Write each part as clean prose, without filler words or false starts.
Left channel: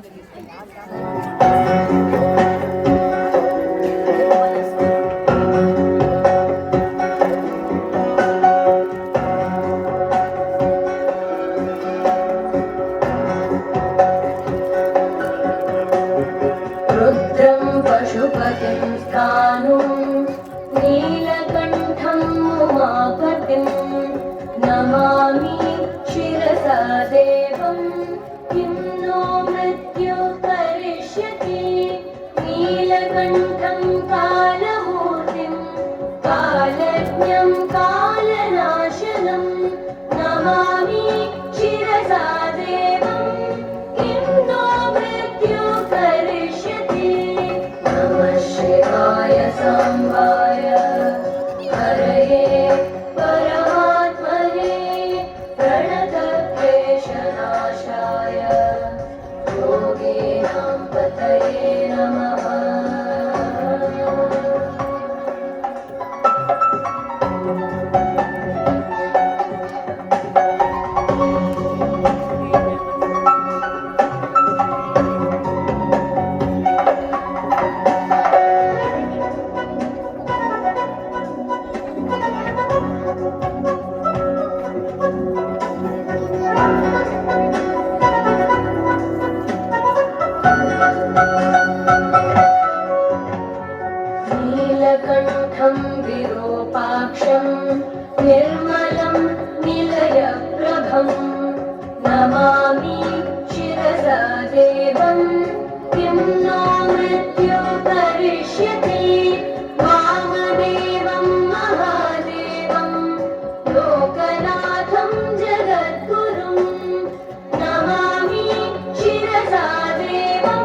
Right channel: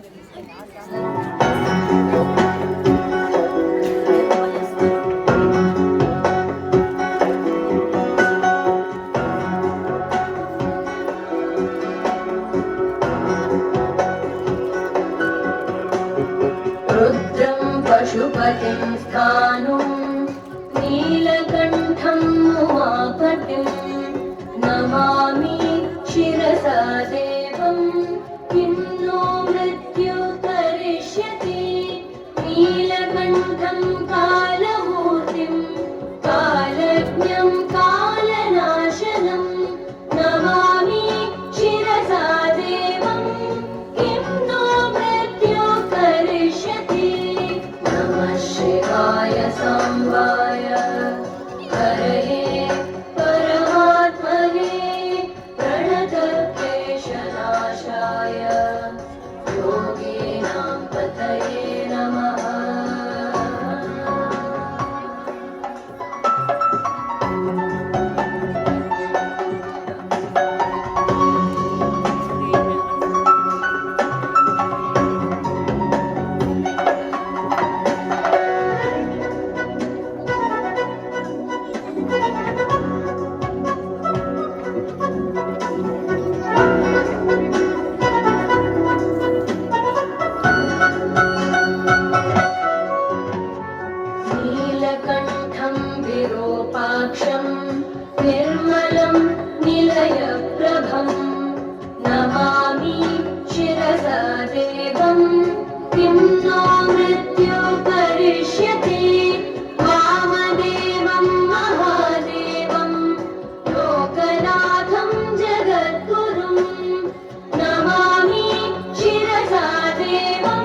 रुद्रं पशुपतिं स्थाणुं नीलकण्ठं उमापतिं नमामि शिरसा देवं किं नो मृत्युः करिष्यति नीलकण्ठं कालमूर्तिं कालज्ञं कालनाशनं नमामि शिरसा देवं किं नो मृत्युः करिष्यति नमः शिवाय सांबाय हरये परमात्मने प्रणतक्लेशनाशाय योगीनां पतये नमः। नीलकण्ठं विरूपाक्षं निर्मलं निलयप्रभं नमामि शिरसा देवं किं नो मृत्युः करिष्यति वामदेवं महादेवं लोकनाथं जगद्गुरुं नमामि शिरसा देवं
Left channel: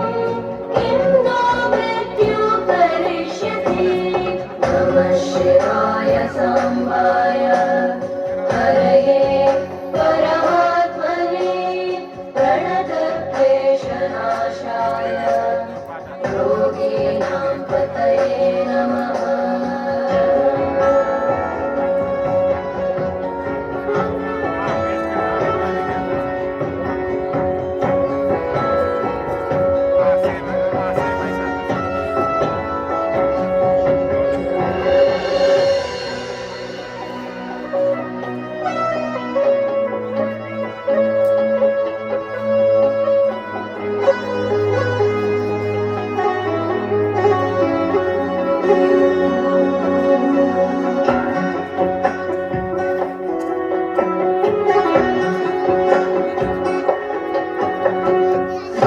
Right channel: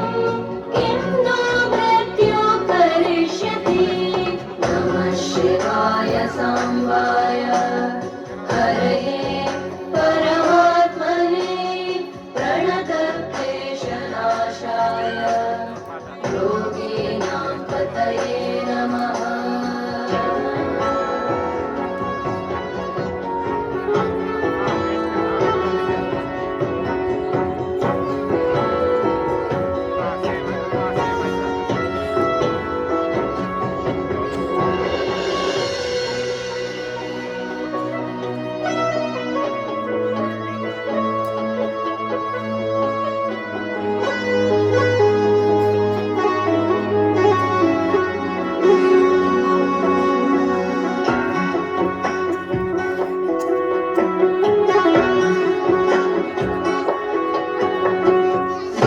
किं नो मृत्युः करिष्यति नमः शिवाय सांबाय हरये परमात्मने प्रणतक्लेशनाशाय योगीनां पतये नमः।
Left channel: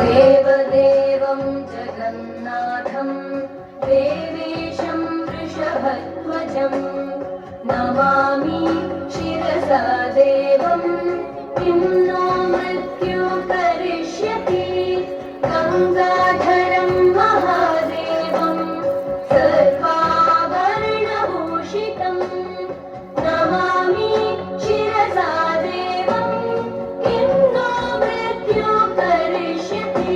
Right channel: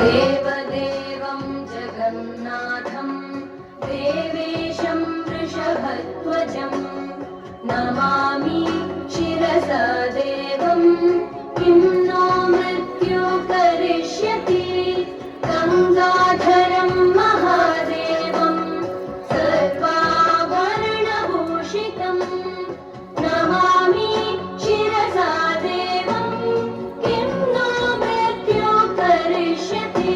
देवदेवं जगन्नाथं देवेशं वृषभध्वजं नमामि शिरसा देवं किं नो मृत्युः करिष्यति गङ्गाधरं महादेवं सर्वाभरणभूषितं नमामि शिरसा देवं किं नो मृत्युः करिष्यति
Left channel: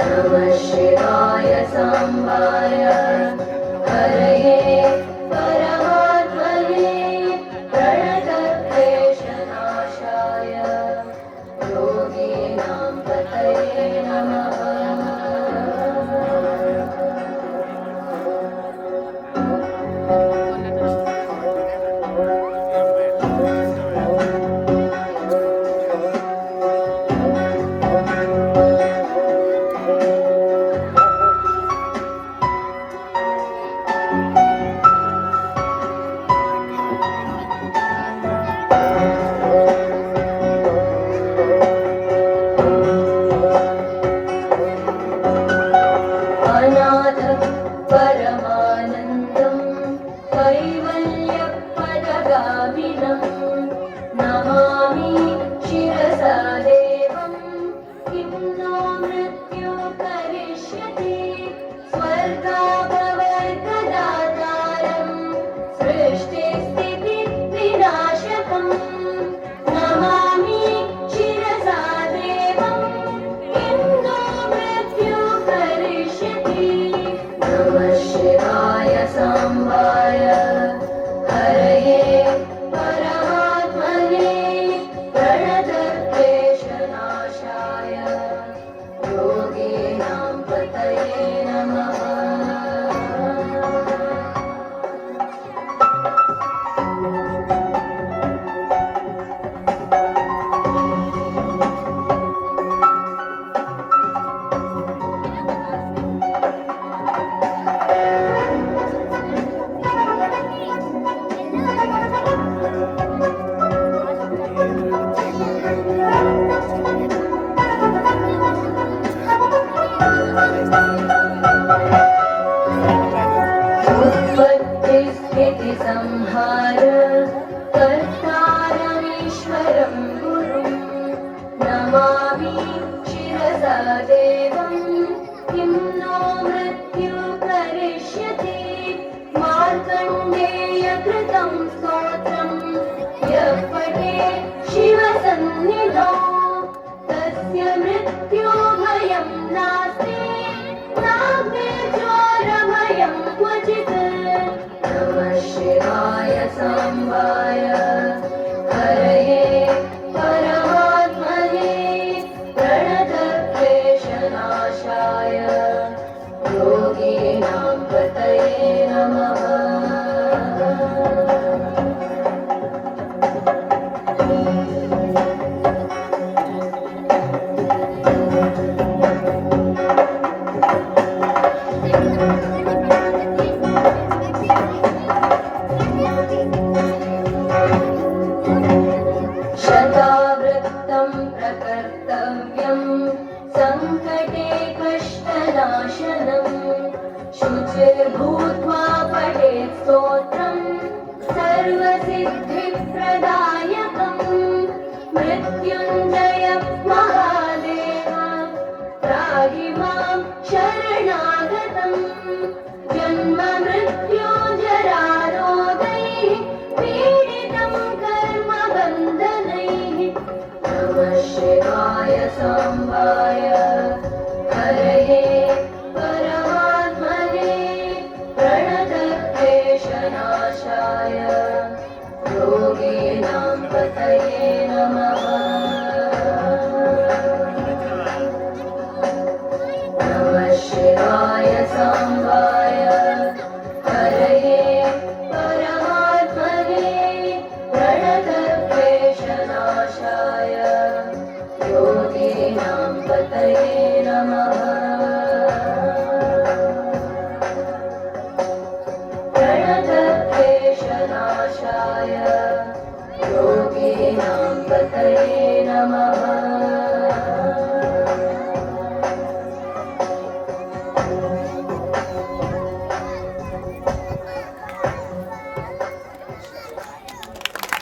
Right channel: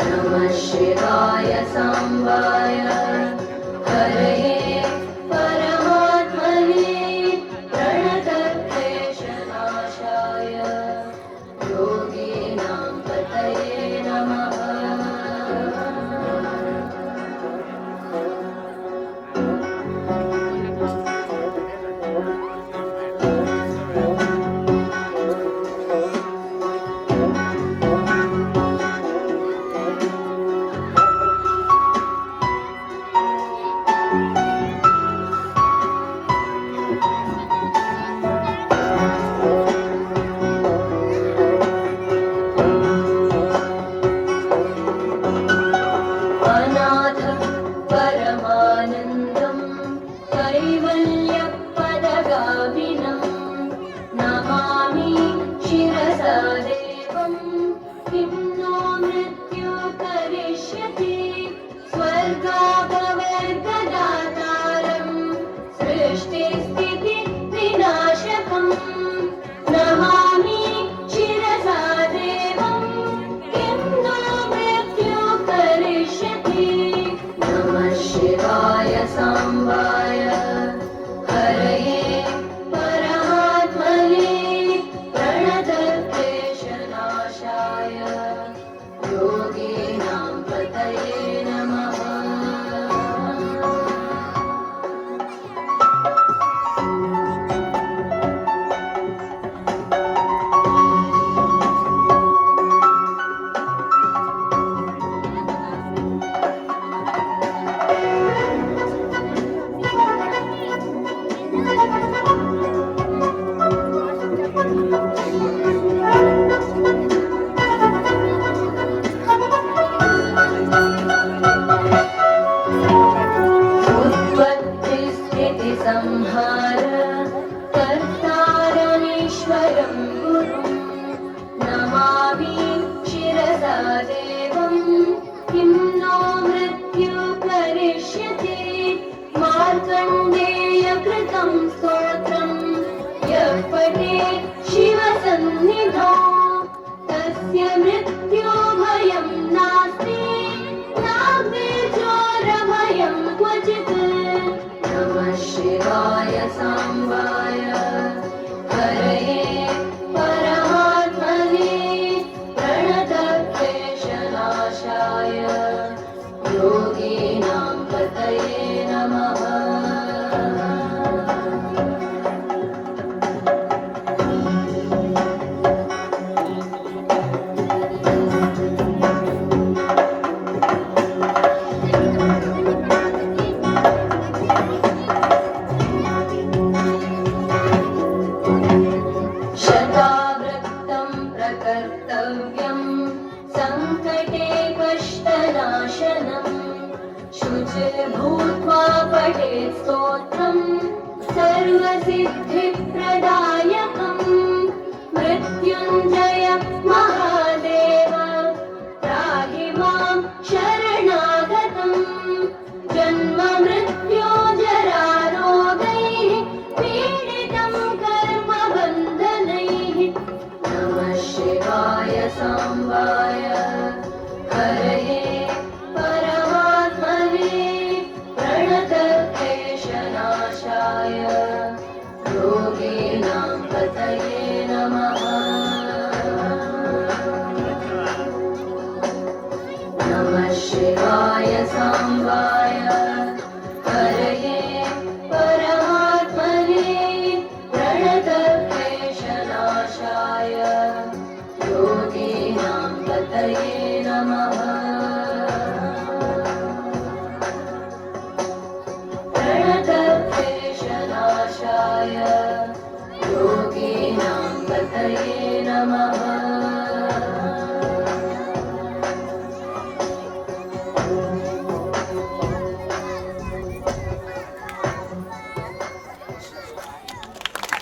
नमः शिवाय सांबाय हरये परमात्मने प्रणतक्लेशनाशाय योगीनां पतये नमः। देवं किं नो मृत्यु करिष्यति मार्कण्डेयकृतं स्तोत्रं यः पठेत् शिवसन्निधौ तस्य मृत्युभयं नास्ति नाग्निर्ज्वालभयं क्वचित् नमः शिवाय साम्बाय हरये परमात्मने प्रणतक्लेशनाशाय योगीनां पतये नमः। शतावृत्तं प्रकर्तव्यं सङ्कटे कष्टनाशनं शुचिर्भूत्वा पठेत् स्तोत्रं सर्वसिद्धिप्रदायकं मृत्युञ्जय महादेव त्राहि मां शरणागतं जन्म मृत्यो जरारोगैः पीडितं कर्मबन्धनैः नमः शिवाय साम्बाय हरये परमात्मने प्रणतक्लेशनाशाय योगीनां पतये नमः। नमः शिवाय साम्बाय